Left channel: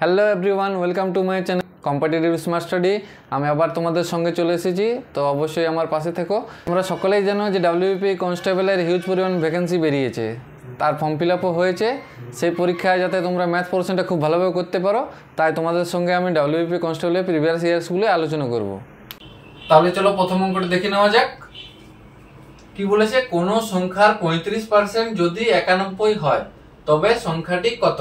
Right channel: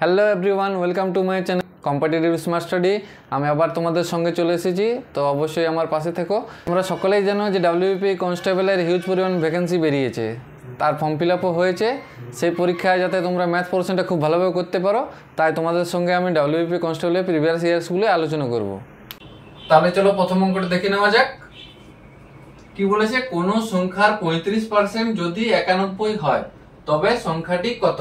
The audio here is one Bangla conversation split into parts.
Hello everyone, welcome to my channel competitive smart study. আমি আবার তোমাদের সঙ্গে চলে এসেছি, তো অবশ্যই আমার পাশে থেকো। তোমরা সকলেই জানো যে ডাব্লিউবিপি কনস্টেবলের হিউজ পরিমাণ ভ্যাকেন্সি বেরিয়েছে, তার ফর্ম ফিল আপও হয়েছে। সেই পরীক্ষায় যাতে তোমরা ম্যাথ পোর্শনটা খুব ভালোভাবে করতে পারো, তাই তোমাদের সঙ্গে আমি ডাব্লিউবিপি কনস্টেবলের প্রিভিয়াস ইয়ার্সগুলো আলোচনা করব। তাহলে চলো প্রথম অঙ্কটা দেখে নেওয়া যাক। কি বলেছে, কোনো সংখ্যার 35% যদি 91 হয় তবে সংখ্যাটি কত?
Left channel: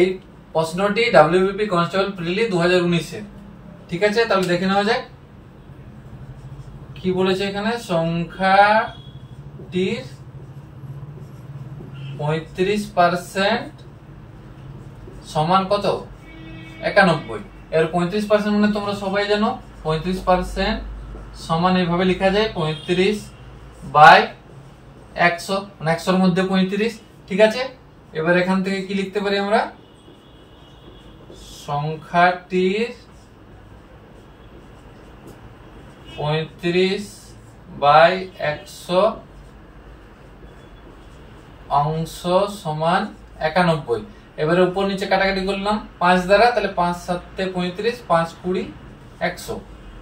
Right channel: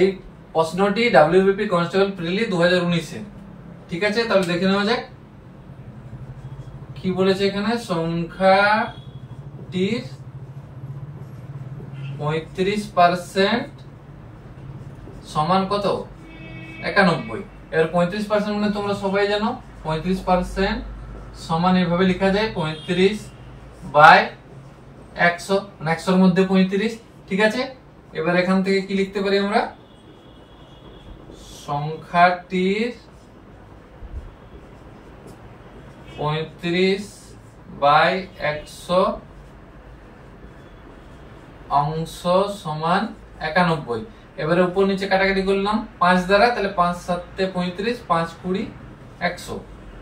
এই প্রশ্নটি ডাব্লিউবিপি কনস্টেবল প্রিলি 2019-এ। ঠিক আছে, তাহলে দেখে নেওয়া যাক কি বলেছে এখানে। সংখ্যাটির 35% সমান কত? 91। এর 35% মানে তোমরা সবাই জানো 35% সমান এইভাবে লেখা যায় 35/100, মানে 100-র মধ্যে 35। ঠিক আছে, এবার এখান থেকে কি লিখতে পারি আমরা? সংখ্যাটির 35/100 অংশ সমান 91। এবারে উপর নিচে কাটাকাটি করলাম 5 দ্বারা, তাহলে 5 7 35, 5 20 100।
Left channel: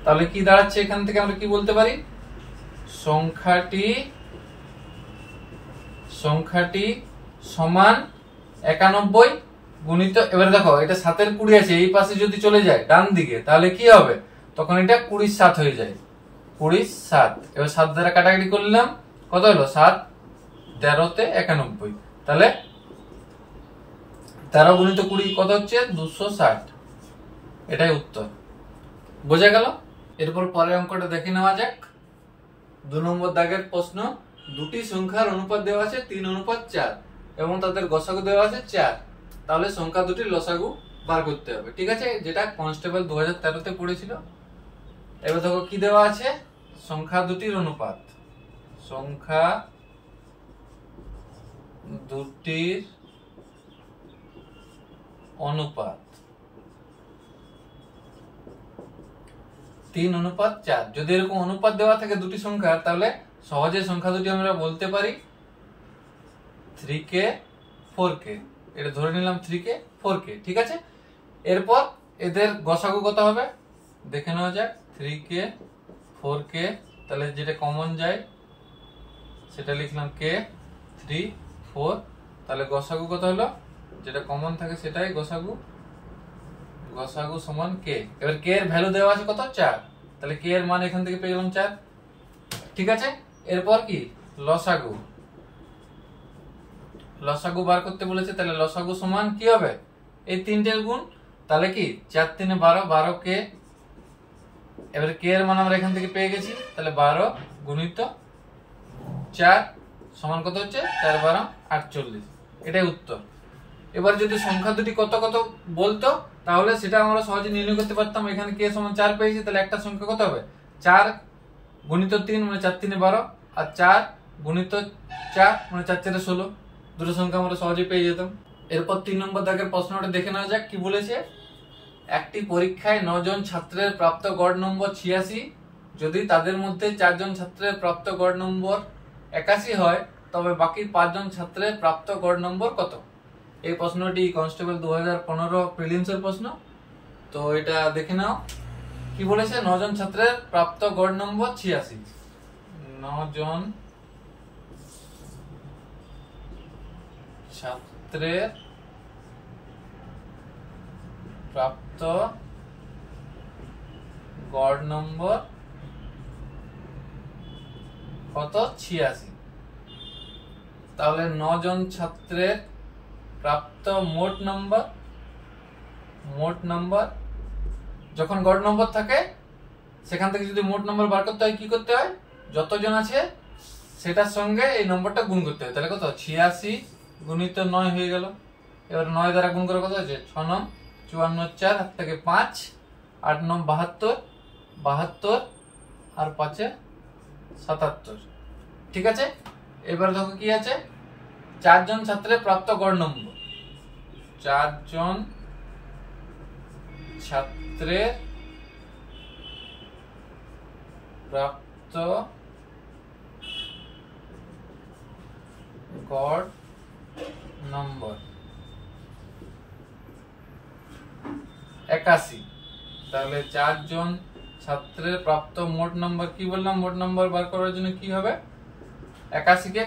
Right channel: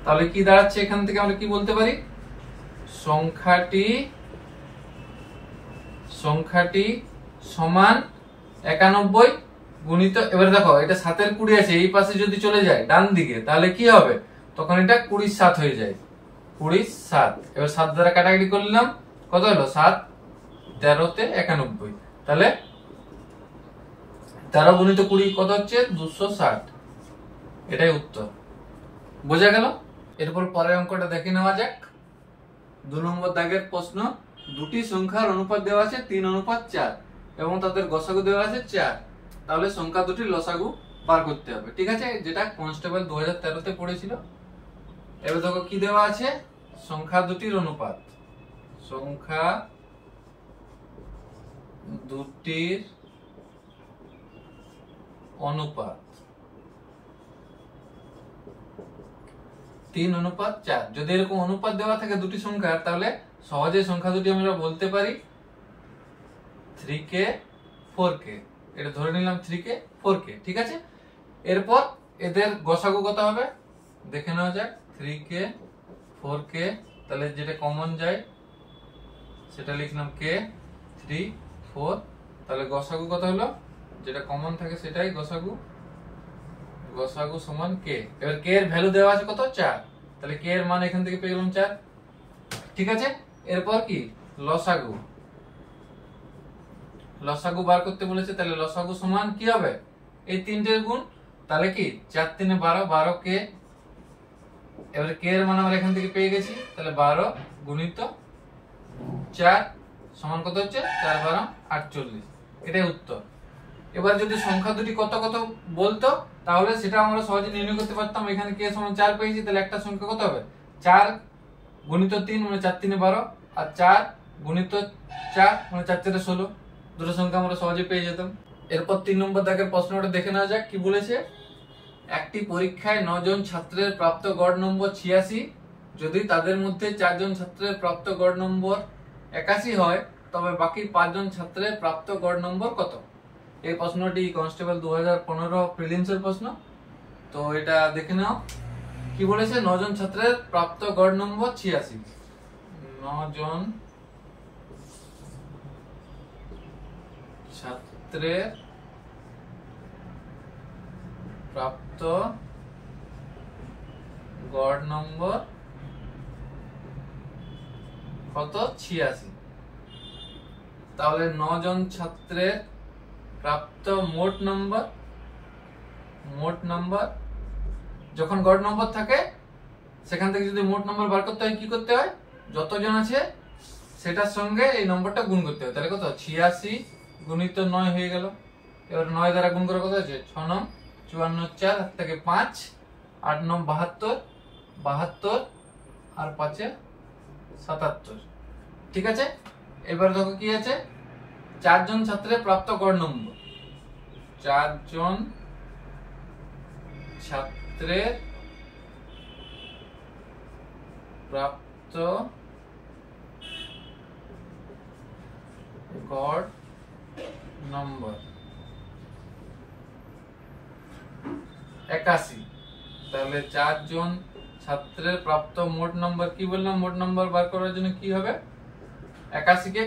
তাহলে কি দাঁড়াচ্ছে এখান থেকে আমরা কি বলতে পারি? সংখ্যাটি সমান 91 গুণিত, এবারে দেখো এটা 7-এর 20 আছে, এই পাশে যদি চলে যায় ডান দিকে তাহলে কি হবে? তখন এটা 20/7 হয়ে যায়, 20/7। এবার 7 দ্বারা কাটাকাটি করলাম, কত হলো? 7 13-তে 91, তাহলে 13 গুণিত 20 কত হচ্ছে? 260। এটাই উত্তর। বোঝা গেল? এরপর পরের অঙ্কটা দেখে নেওয়া যাক। 2 নম্বর দাগের প্রশ্ন, দুটি সংখ্যার অনুপাত দেওয়া আছে 3:4 এবং তাদের গসাগু দেওয়া আছে 4। তাহলে সংখ্যা দুটির লসাগু বার করতে হবে। ঠিক আছে, যেটা কনস্টেবল 2013-তে পড়েছিল। এবার দেখো কি দেওয়া আছে, সংখ্যা দুটির অনুপাত। সংখ্যা দুটির অনুপাত 3:4। যদি এরকম অনুপাত দেওয়া থাকে দুটি সংখ্যার, তাহলে সহজে সংখ্যা দুটি আমরা বলতে পারি 3k 4k। এটা ধরে নিলাম 3k 4k। ঠিক আছে, এরপর এদের গসাগু কত হবে দেখে নেওয়া যাক। 3k 4k, তাহলে যেটা কমন যায় সেটা লিখলাম k 3 4, তাহলে গসাগু কত হলো? যেটা কমন থাকে সেটাই গসাগু সমান k। এবার k এর ভ্যালু দেওয়া আছে কত? 4, তাহলে k এর মান এখান থেকে পেয়ে গেলাম 4। ঠিক আছে, এরপর কি লসাগু বার করতে বলেছে, তাহলে লসাগু সমান কি হবে? এই তিনটের গুণ, তাহলে কি 4 3 12, 12k। এবারে k এর মান আমরা এখান থেকে পেয়ে গেছি, তাহলে 12 গুণিত 4 সমান কত হচ্ছে? 4 12 48। এটাই উত্তর। এবার যদি সংখ্যা দুটি কত কত বলতো, তাহলে সেটা আমরা সহজে নির্ণয় করতে পারতাম। এখানে k সমান 4 পেয়েছি, তাহলে একটা সংখ্যা কত হবে? 4 গুণিত 3 মানে 4 3 12, আর 4 গুণিত 4 মানে 4 4 16। দুটো সংখ্যা আমরা সহজে পেয়ে যেতাম। এরপর 3 নম্বর দাগের প্রশ্নটা দেখে নেওয়া যাক। কি বলেছে, একটি পরীক্ষায় 9 জন ছাত্রের প্রাপ্ত গড় নম্বর 86, যদি তাদের মধ্যে 4 জন ছাত্রের প্রাপ্ত গড় নম্বর 81 হয়, তবে বাকি 5 জন ছাত্রের প্রাপ্ত গড় নম্বর কত? এই প্রশ্নটি কনস্টেবল 2015 প্রিলিমসের প্রশ্ন। তো এটা দেখে নাও কি বলেছে। 9 জন ছাত্রের প্রাপ্ত গড় নম্বর 86। 9 জন ছাত্রের প্রাপ্ত গড় নম্বর কত? 86। তাহলে 9 জন ছাত্রের প্রাপ্ত মোট নাম্বার যখন গড় নম্বর থাকে সেখান থেকে যদি মোট নম্বর বার করতে হয় কি করতে হয়? যতজন আছে সেটার সঙ্গে এই নম্বরটা গুণ করতে হয়। তাহলে কত? 86 গুণিত 9 হয়ে গেল। এবার 9 দ্বারা গুণ করে কত হচ্ছে? 6 9 54, 4 হাত থেকে 5, 8 9 72, 72 আর 5 77। ঠিক আছে, এবার দেখো কি আছে, 4 জন ছাত্রের প্রাপ্ত গড় নম্বর। 4 জন ছাত্রের প্রাপ্ত গড় নম্বর। 81। তাহলে 4 জন ছাত্রের প্রাপ্ত মোট নম্বর কি বললাম, মোট নম্বর বার করার জন্য কি হবে, 81 কে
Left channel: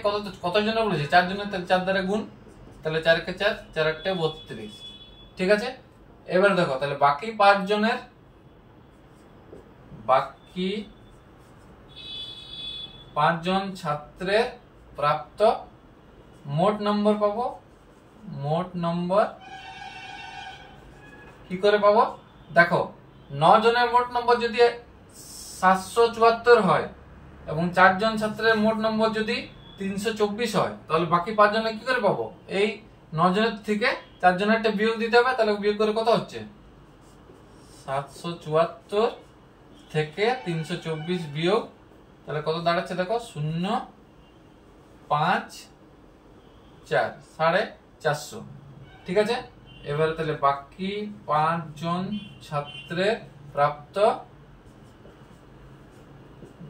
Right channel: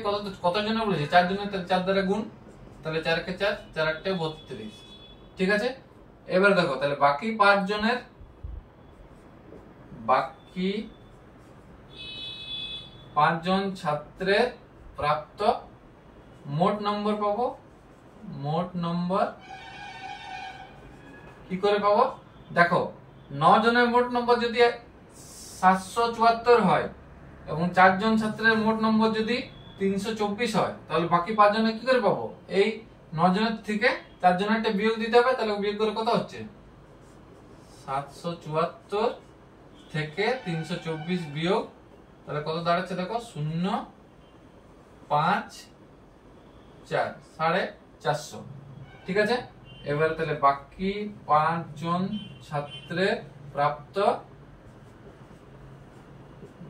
কত জনের বলেছে, 4 জনের, তাহলে 4 দ্বারা গুণ, তাহলে 4 কে 4, 4 8 32। ঠিক আছে, এবার দেখো তাহলে বাকি 5 জনের, বাকি 5 জন ছাত্রের প্রাপ্ত মোট নম্বর পাবো। মোট নম্বর কি করে পাবো, দেখো 9 জনের মোট নম্বর যদি 774 হয় এবং 4 জন ছাত্রের মোট নম্বর যদি 324 হয়, তাহলে বাকি 5 জনের কি করে পাবো, এই 9 জনের থেকে 4 জনের একটা বিয়োগ দিতে হবে। তাহলে বিয়োগ করে কত হচ্ছে, 774 থেকে 324 বিয়োগ, তাহলে কত দাঁড়াচ্ছে দেখো, 0 5 4, 450। ঠিক আছে, এবারে তাহলে বাকি 5 জন ছাত্রের প্রাপ্ত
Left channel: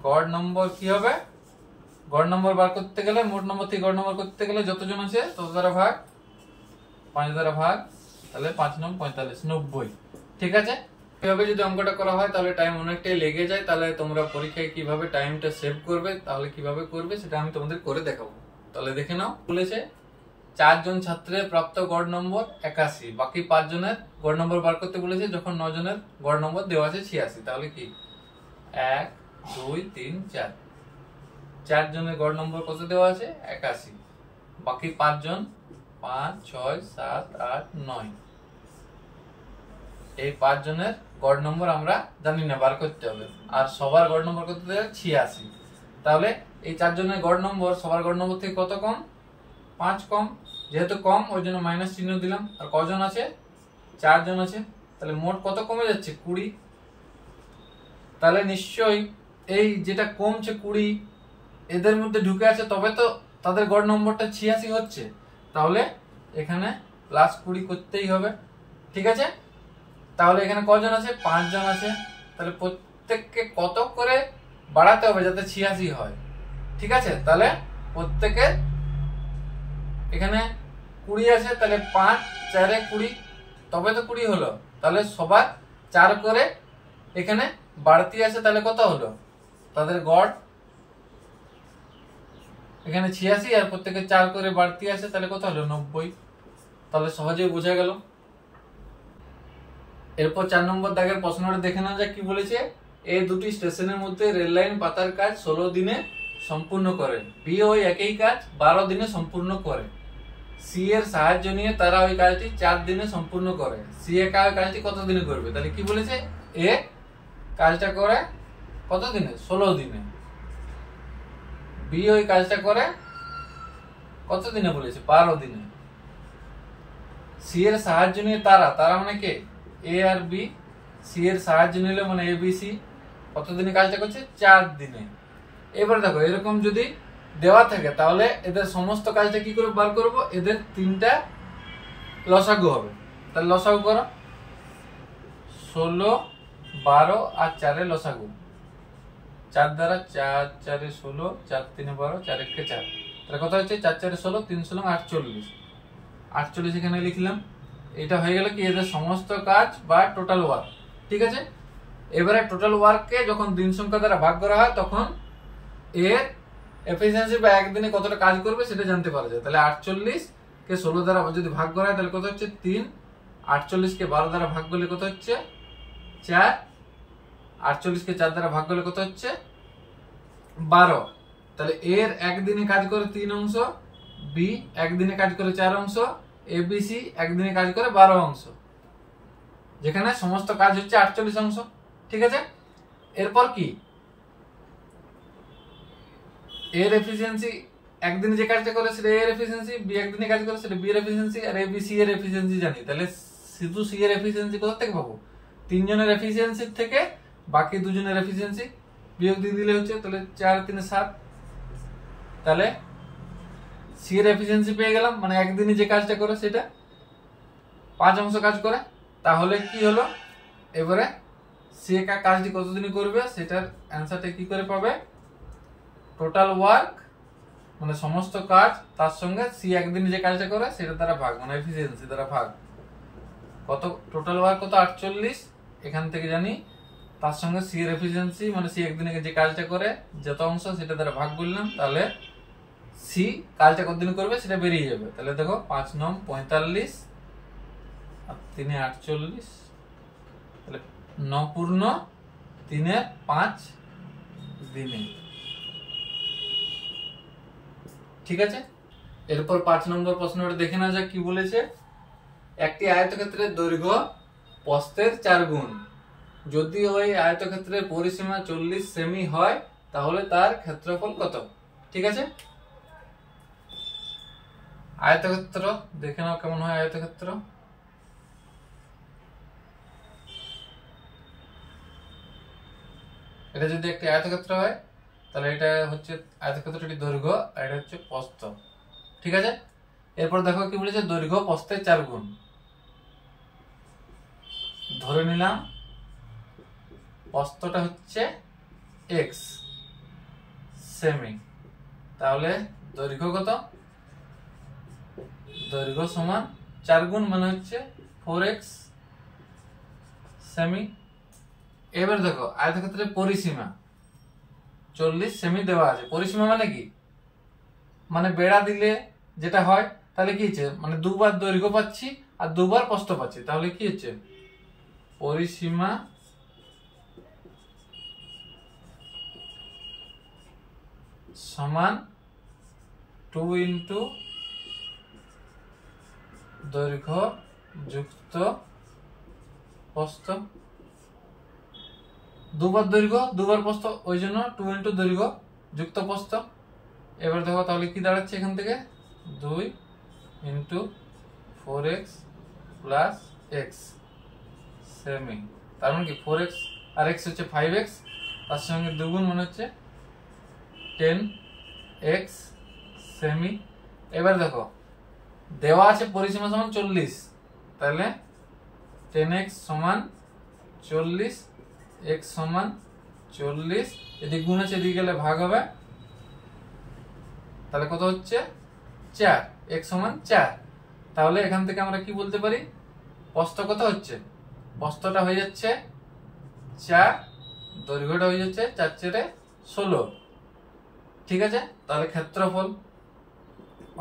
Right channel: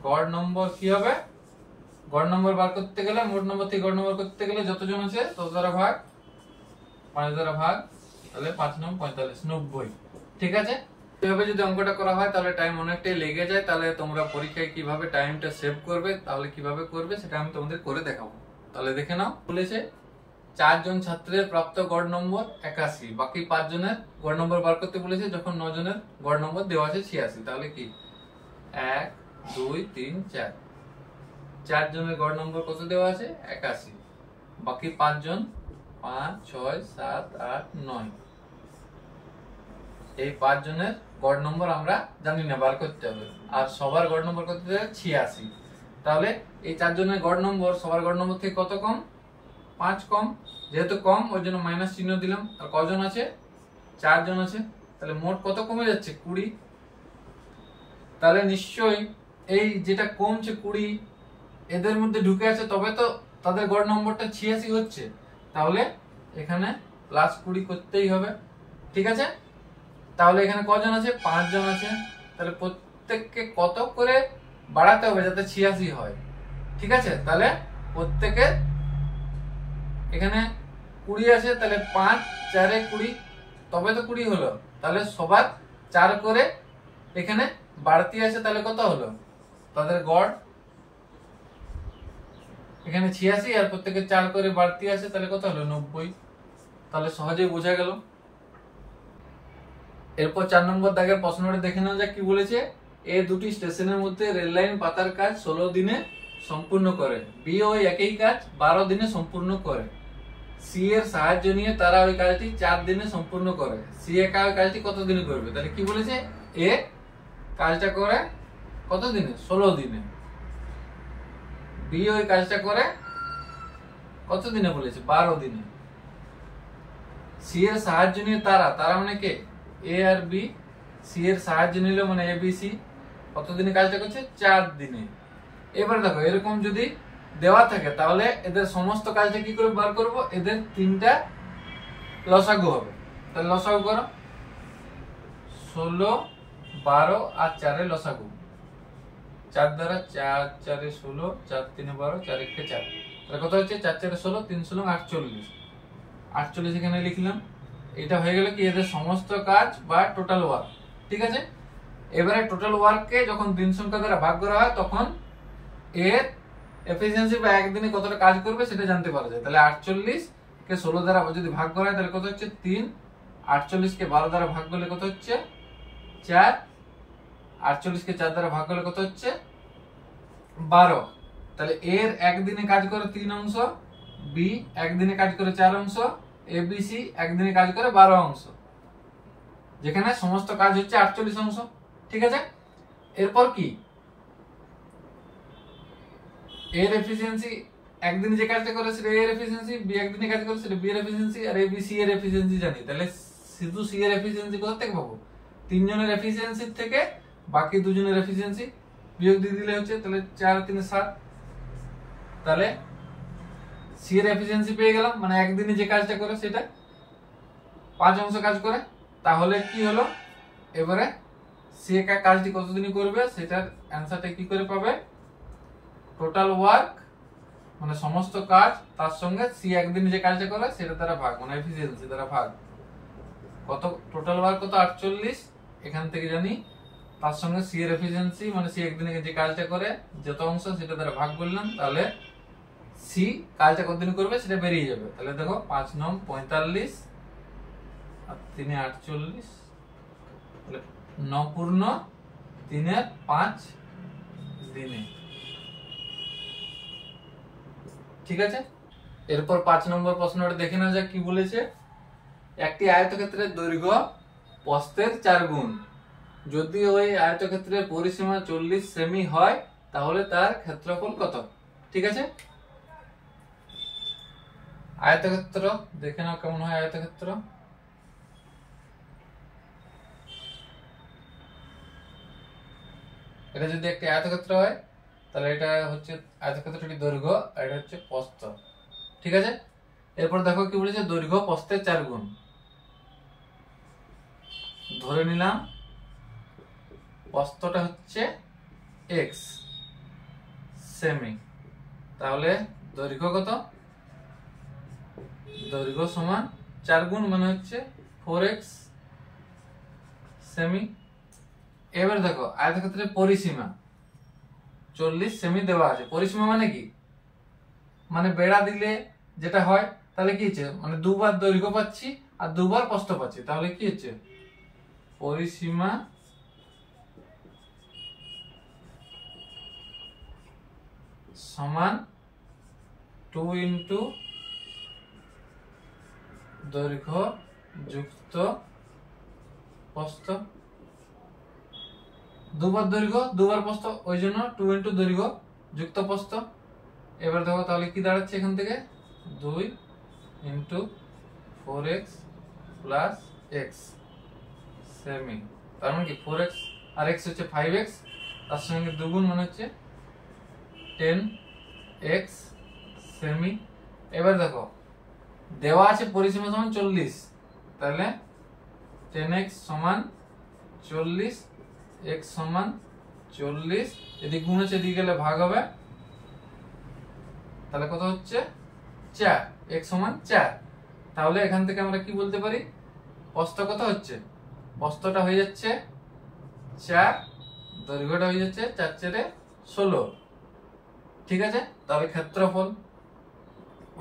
গড় নম্বর কি হবে, গড় নম্বর বার করতে গেলে, মোট নম্বর থেকে গড় নম্বর করতে গেলে যতজন আছে তত দ্বারা ভাগ, 5 দ্বারা ভাগ, তাহলে 5 9 45, 90। ঠিক আছে, এভাবে যদি অঙ্কটা করা হয় তাহলে টাইম অনেকটাই লেগে যায়। তাহলে তোমরা পরীক্ষায় কিভাবে টাইমটা সেভ করবে, তাহলে কিভাবে করবে সেটা আমি তোমাদের করে দেখাবো। তাহলে দেখে নাও, বলেছে 4 জন ছাত্রের প্রাপ্ত গড় নম্বর 81, বাকি 5 জনের গড় নম্বর বার করতে বলেছে যখন 9 জনের গড় নম্বর দেওয়া আছে 86। তাহলে কি 1 2 3 4, 4 জনের গড় নম্বর কত দেওয়া আছে, 81, বাকি 5 জন 5 6 7 8 9, এই 5 জনের গড় নম্বর আমরা জানি না, বার করতে হবে। আর সবার গড় নম্বর কত দেওয়া, 86। তাহলে এই 4 জনের গড় নম্বর সবার গড় নম্বর থেকে কত কম, 5 কম, যেহেতু কম ওই জন্য মাইনাস চিহ্ন দিলাম। আর কজন আছে, 4 জন আছে, তাহলে মোট কত কমে যাচ্ছে, 20। তাহলে নিশ্চয়ই এই যেটা কমছে 20 এদের মধ্যে ঢুকে আছে, তবে তো তাদের গড় নম্বরটা 86 হচ্ছে। তাহলে এখানে প্লাস 20 করতেই হবে। ঠিক আছে, তাহলে এখানে কজন আছে, 5 জন আছে, তাহলে প্রত্যেককে কত করে বাড়াতে হবে যাতে 86 হয়। ঠিক আছে, তাহলে প্রত্যেকে এখানে 20 আছে, তাহলে 5 4 20, তবে তো 20 হলো। তাহলে সবার 4 করে এখানে বাড়তি আছে, তাহলে কত হলো, তাদের গড় এখানে 86 আর প্রত্যেকে 4 করে বাড়তি আছে, তাহলে কত হলো, 90। তাহলে সহজেই বোঝা গেল। এরপর 4 নম্বর দাগের প্রশ্নটা দেখে নেওয়া যাক কি বলেছে, এই দুটি স্টেশনের মধ্যে রেল লাইন পাতার কাজ 16 দিনে সম্পূর্ণ করে, বি ওই একই কাজ 12 দিনে সম্পূর্ণ করে, সি এর সাহায্য নিয়ে তারা ওই কাজটি 4 দিনে সম্পূর্ণ করে, সি একা ওই কাজটি কত দিনে করবে। তাহলে কি বলেছে, এ কাজটা করে কত দিনে, 16 দিনে, বি ওই কাজটা করে কত দিনে বলেছে, 12 দিনে, সি এর সাহায্য নিয়ে তারা মানে কে, এ আর বি, সি এর সাহায্য নিল মানে এ বি সি, কত দিনে কাজটা করছে, 4 দিনে। এবার দেখো এরকম যদি দেওয়া থাকে তাহলে এদের সমস্ত কাজটা কি করে বার করব, এদের 3টা লসাগু হবে। তাহলে লসাগু করো, 16 12 আর 4 এর লসাগু, 4 দ্বারা 4 4 এ 16, 4 3 এ 12, 4 1 এ 4, তাহলে কত হচ্ছে, 4 4 এ 16, 3 16 48, 48 এখানে লিখলাম। এটা হয়ে গেল কি এদের সমস্ত কাজ বা টোটাল ওয়ার্ক। ঠিক আছে, এবারে টোটাল ওয়ার্ককে যখন দিন সংখ্যা দ্বারা ভাগ করা হয় তখন এর এফিসিয়েন্সি বা একদিনে কতটা কাজ করবে সেটা জানতে পারা যায়। তাহলে 48 কে 16 দ্বারা যদি ভাগ করা হয় তাহলে কত হচ্ছে, 3, 48 কে 12 দ্বারা ভাগ করলে কত হচ্ছে, 4, 48 কে 4 দ্বারা ভাগ করলে কত হচ্ছে, 12। তাহলে এর একদিনে কাজ করে 3 অংশ, বি একদিনে কাজ করে 4 অংশ, এবিসি একদিনে কাজ করে 12 অংশ, যেখানে সমস্ত কাজ হচ্ছে 48 অংশ। ঠিক আছে, এরপর কি এর এফিসিয়েন্সি একদিনে যে কাজটা করে সেটা এর এফিসিয়েন্সি, বি একদিনে কাজ করে সেটা বি এর এফিসিয়েন্সি, আর এবিসি এর এফিসিয়েন্সি জানি। তাহলে শুধু সি এর এফিসিয়েন্সি কোথা থেকে পাবো, 3 জনের এফিসিয়েন্সি থেকে বাকি 2 জনের এফিসিয়েন্সি বিয়োগ দিয়ে দিলে হচ্ছে, তাহলে 4 3 7, তাহলে সি এর এফিসিয়েন্সি পেয়ে গেলাম, মানে একদিনে যে কাজটা করে সেটা 5 অংশ কাজ করে। তাহলে কি হলো, এবারে সি একা কাজটি কতদিনে করবে সেটার অ্যানসারটা কি করে পাবে, টোটাল ওয়ার্ক মানে সমস্ত কাজ তার সঙ্গে সি একদিনে যে কাজটা করে সেটা দ্বারা ভাগ, মানে এফিসিয়েন্সি দ্বারা ভাগ। কত টোটাল বার কত 48, এখান থেকে জানি তার সঙ্গে সি এর এফিসিয়েন্সি মানে সি একদিনে যে কাজটা করে যত অংশ সেটা দ্বারা ভাগ করলাম, তাহলে সি কাজটা কতদিন করবে সেটা বেরিয়ে যাবে। তাহলে দেখো 5 9 45 আর 3 48, তাহলে 9 পূর্ণ 3 5 দিনে। ঠিক আছে, এরপর 5 নম্বর প্রশ্নটা দেখে নেওয়া যাক কি বলেছে। একটি আয়তক্ষেত্রের দৈর্ঘ্য প্রস্থের 4 গুণ, যদি ওই আয়তক্ষেত্রের পরিসীমা 40 সেমি হয় তাহলে তার ক্ষেত্রফল কত। ঠিক আছে, আয়তক্ষেত্র দেখে নাও কেমন হয় আয়তক্ষেত্র। এটা যদি একটি আয়তক্ষেত্র হয় তাহলে এটা হচ্ছে আয়তক্ষেত্রটির দৈর্ঘ্য আর এটা হচ্ছে প্রস্থ। ঠিক আছে, এরপর দেখো কি বলেছে, দৈর্ঘ্য প্রস্থের 4 গুণ। ধরে নিলাম প্রস্থটা হচ্ছে x সেমি, তাহলে দৈর্ঘ্য কত, দৈর্ঘ্য সমান 4 গুণ মানে হচ্ছে 4x সেমি। এবার দেখো আয়তক্ষেত্রের পরিসীমা 40 সেমি দেওয়া আছে। পরিসীমা মানে কি, মানে বেড়া দিলে যেটা হয় তাহলে কি হচ্ছে, মানে দুবার দৈর্ঘ্য পাচ্ছি আর দুবার প্রস্থ পাচ্ছি, তাহলে কি হচ্ছে পরিসীমা সমান 2 ইন্টু দৈর্ঘ্য যুক্ত প্রস্থ। দুবার দৈর্ঘ্য দুবার প্রস্থ, ওই জন্য 2 ইন্টু দৈর্ঘ্য যুক্ত প্রস্থ। এবার দেখো তাহলে কি দাঁড়াচ্ছে এখান থেকে, 2 into 4x plus x semi, তার মানে কি 4x আর x হচ্ছে 5x, তার সঙ্গে দুগুণ মানে হচ্ছে 10x সেমি। এবার দেখো দেওয়া আছে পরিসীমা সমান 40, তাহলে 10x সমান 40, x সমান 40, এদিকে গুণ আছে এদিকে গেলে ভাগ হবে, তাহলে কত হচ্ছে 4, x সমান 4। তাহলে এখান থেকে আমরা কি বলতে পারি, প্রস্থ কত হচ্ছে, প্রস্থটা হয়ে যাচ্ছে 4, দৈর্ঘ্যটা হয়ে যাচ্ছে 4 4 16। ঠিক আছে, তাহলে ক্ষেত্রফল,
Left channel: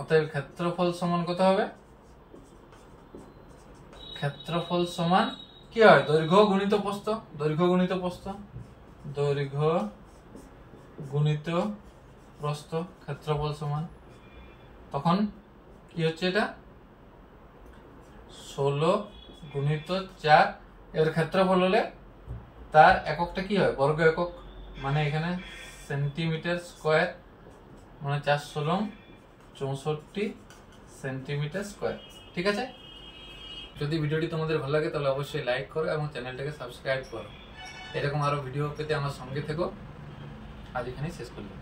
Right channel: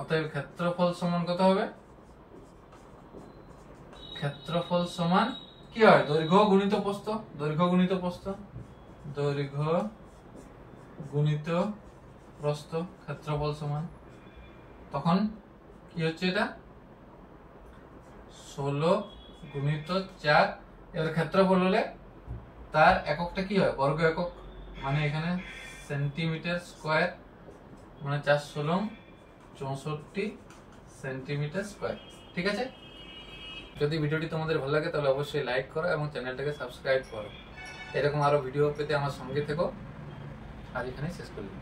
অতএব ক্ষেত্রফল সমান কত হবে, ক্ষেত্রফল সমান কি হয়, দৈর্ঘ্য গুণিত প্রস্থ, দৈর্ঘ্য গুণিত প্রস্থ, দৈর্ঘ্য গুণিত প্রস্থ, ক্ষেত্রফল সমান, তখন কি হচ্ছে এটা 16 গুণিত 4। এর ক্ষেত্রফল হলে তার এককটা কি হয়, বর্গ একক, মানে এখানে সেন্টিমিটার স্কয়ার, মানে 4 16 64 সেন্টিমিটার স্কয়ার। ঠিক আছে, যদি ভিডিওটি তোমাদের ভালো লাগে তাহলে অবশ্যই লাইক করো এবং চ্যানেলটাকে সাবস্ক্রাইব করো। এরকম আরো ভিডিও পেতে আমার সঙ্গে থেকো। আজ এখানেই শেষ করলাম।